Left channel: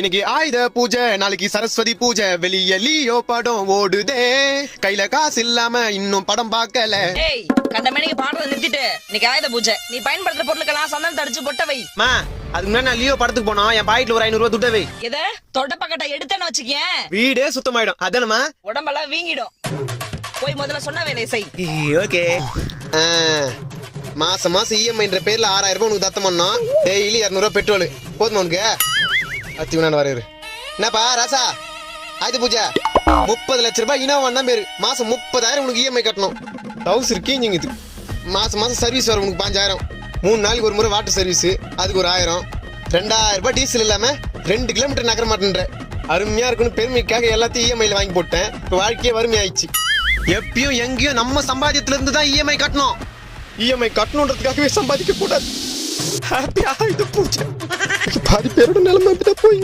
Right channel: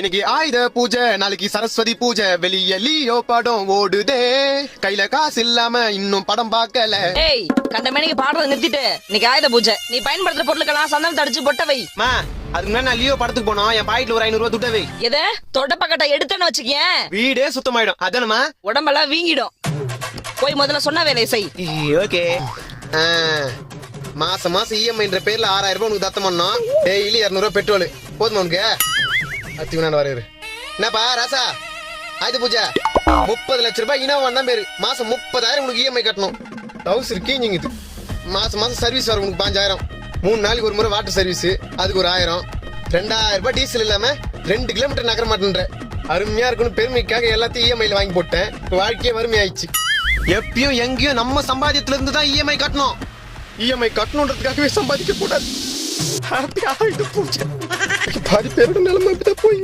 இன்னைக்கு ஆயுத பூஜை, நாளைக்கு சரஸ்வதி பூஜை, வெளிய லியோ படம் ஓடுதே, கையில காசு இல்லாம இன்னும் படம் பார்க்கல. ஏய், கண்டமேனிக்கு பாடுறத நிறுத்திட்டு இன்னைக்கு ஆயுத பூஜை, நீ பயன்படுத்துற பொருளுக்கெல்லாம் சந்தனம் தடிச்சு பொட்ட வை. மா, அதுக்கு முன்னாடி நான் லியோ படத்துக்கு போனோம், என் பாக்கெட்ல ஒரு 500 ரூபாய் துட்ட வை. எது தொட்ட பக்கட்ட எடுத்தேன்னு வச்சுக்கேன், வீடே சுத்தமாயிடும். அதானமா? உடம்பெல்லாம் வீங்கிடும். போய் முதல்ல சொன்ன வேலையை செய். ஓகே. மாசம் மாசம் இஎம்ஐன்ற பேர்ல 6000 ரூபாய் உனக்கு தத்தம் பண்ணோம். டெய்லி 200 ரூபாய் பெட்ரோல் போதுமா உனக்கு? அச்சுக்கு வரையுது. என்னப்பா ராசா, ஆயுத பூஜை 30 லட்சம் ரூபாய் இனோவா தான் பேரு. மாசம் 30,000 உனக்கு இஎம்ஐ கட்டணும். ஹவுஸ் இருக்கீங்க. மாசம் மாசம் சர்வீஸ் வரும் உனக்கு 5,000. 3 நாளைக்கு ஒரு முறை வாட்டர் சர்வீஸ், அதுக்கு ஒரு 1000. 2000 ரூபாய் டீசல் இல்லாம 2 கிலோமீட்டர் நகர மாட்டேன்ற. அருமையா இருக்கணும் பெருமைக்காக எல்லாத்தையும் இஎம்ஐல வாங்கி போட்டேன். வாழ்க்கையே வறுமையாயிடுச்சு. எப்பயும் எங்கேயும் நம்ம சம்பாதியத்துல இருந்து தான் இஎம்ஐ கட்டணும். இஎம்ஐ கட்டணுன்றதுக்காகவே சம்பாதிக்க கூடாது. பாதி பேரோட நிலைமை போய்